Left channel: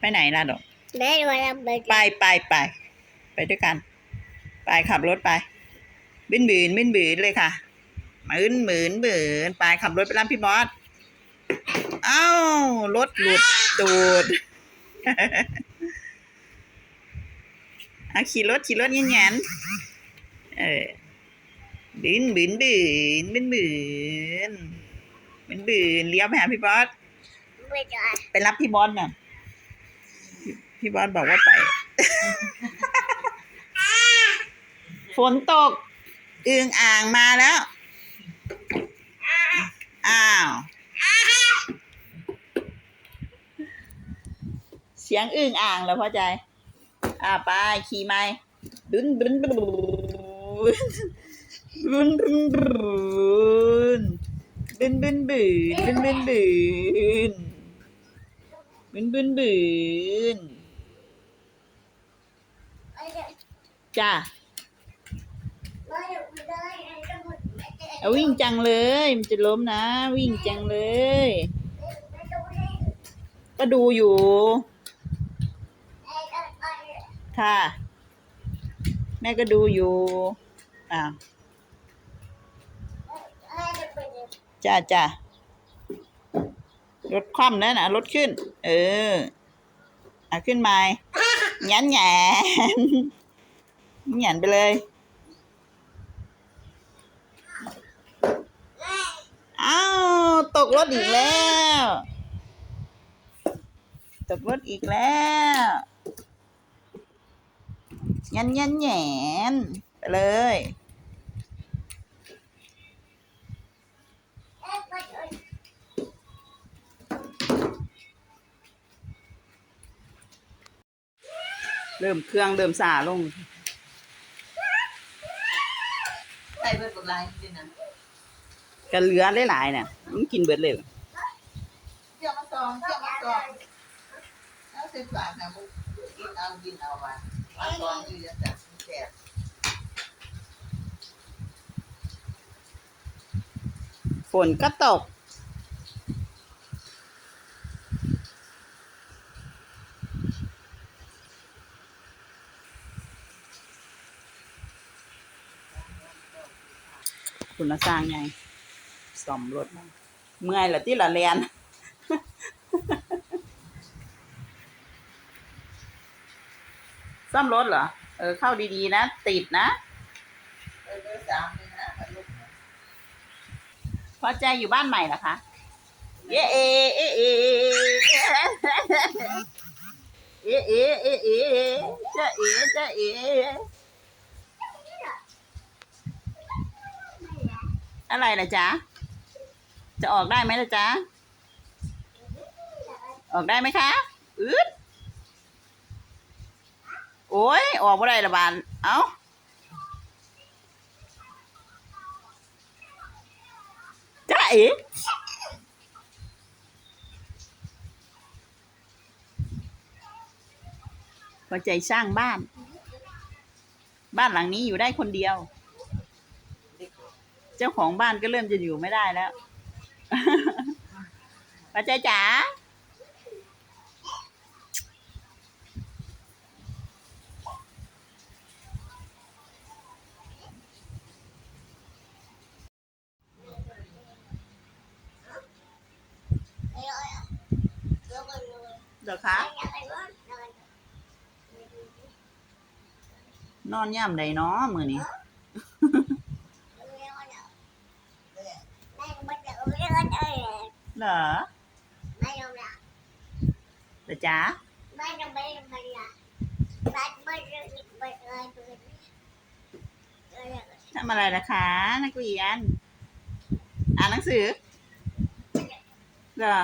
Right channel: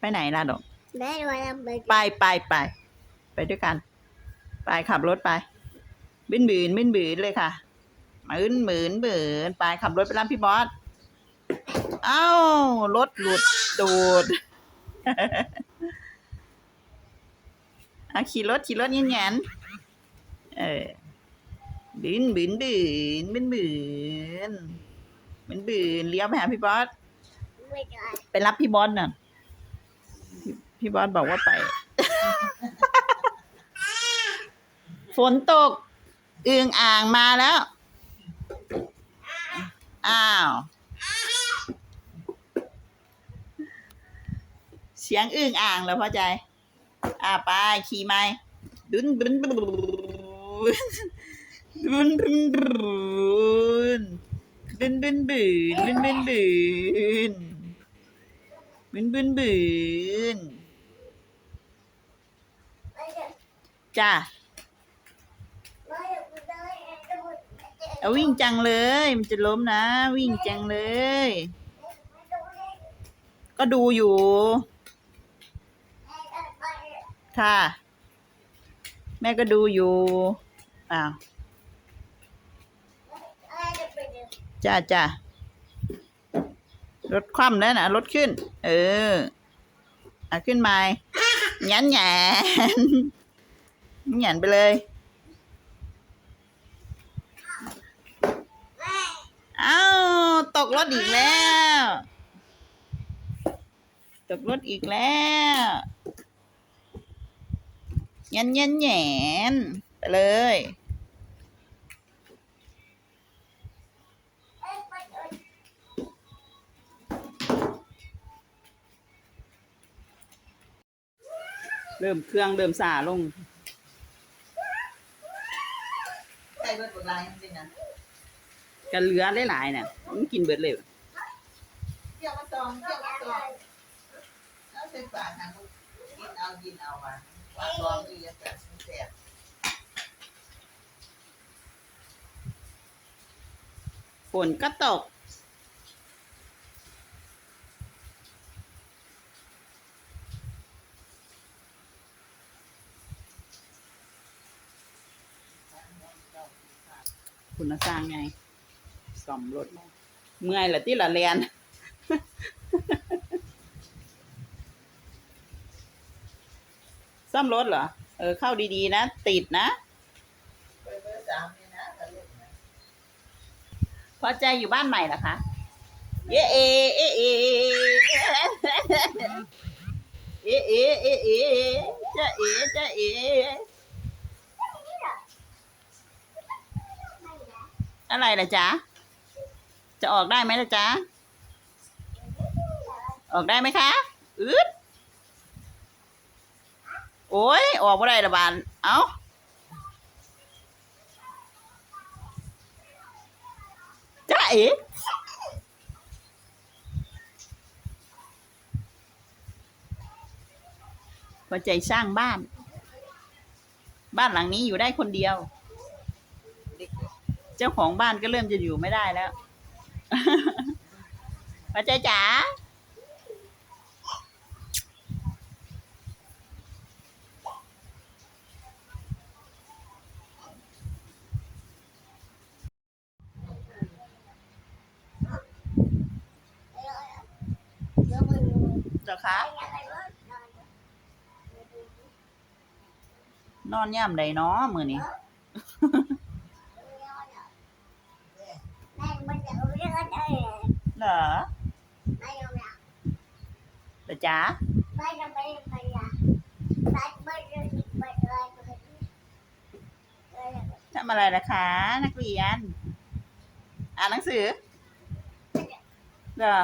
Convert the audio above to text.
ไปไหนล่ะดอกแม่มาทำไปไปไปไปไปด้วยกัน ไปขับรถไปบินบืนบินบืนเลยค่ะหมืนหมืนบืนไปขับรถไปรับพี่บอสเอ้ารถหลุดตูดเอาขี่รถขี่รถเงี้ยนๆเออบืนบืนบืนบืนบืนบืนบืนเลี้ยวไปหาพี่บอสไม่ได้ไปรับพี่บอสน่ะ พี่บอสบอกว่าไป ฝนตกอึงอ่างมาแล้ว อ้าว เสียงอึงอ่างแล้วพ่อใจ อ่าไปขี่ไม้ดุนดุนดุนดุนดุนดุนดุนดุนดุนดุนดุนดุนดุนบุนบุนบุน จ้าเอาวิ่งจังเลย มันจะล้มนะ วิ่งจังเลย ก็ดูอยู่ ค่ะ แม่ก็ดูอยู่อ้าวจ้าจ้ารถคว่ำแล้วนะรถขึ้น เอออะขึ้นมาหยันหยัน หยันไปเลย อ้าว ตกรถอีกแล้ว ตกรถอีกแล้วหยันหยันหยนไปเลยเริ่มเครื่องเริ่มสาลง ใส่เบิดบดลายนี่นะกันเหลือหลายๆน่ะมันกินเบิดเลยเกี่ยวมาตองเกี่ยวมาตองแล้วสิบบาทนะมึงกินเอากินเอาอะมาตองนี่จะแบบแสบฝนก็ตก คุณมาสร้างไงซ่อมรถมาเมื่อยละที่ละเรียนซ่อมรถเหรอ เออ เข้าดีๆนะ ติดนะเบอร์เบอร์สามนี่นะลูกนะพอใจอยู่บ้านใหม่เหรอคะ เอะเอเอะเอเอะเอเอะเอจะเอจะเอ อะไรล่ะจ๊ะ จะออกได้ไหมล่ะจ๊ะ ออกได้ไหมคะอืดโอ้ย ออกไม่ได้ละบาน เอ้าจ้าเอ๋พอใจสร้างบ้าน บ้านหลังนี้อยู่ได้คนเดียว เจ้าของบ้านก็เริ่มจะอยู่ไม่ได้แล้วพอใจจ๋าเจ้าคะนอนย่ำใดเนาะมือนี้ เหรอไม่ลงละเหรอจ๊ะไม่ยอมไม่ยอมไม่ยอมทำอะไรล่ะคะ นักเรียน อ่านหนังสือเหรอ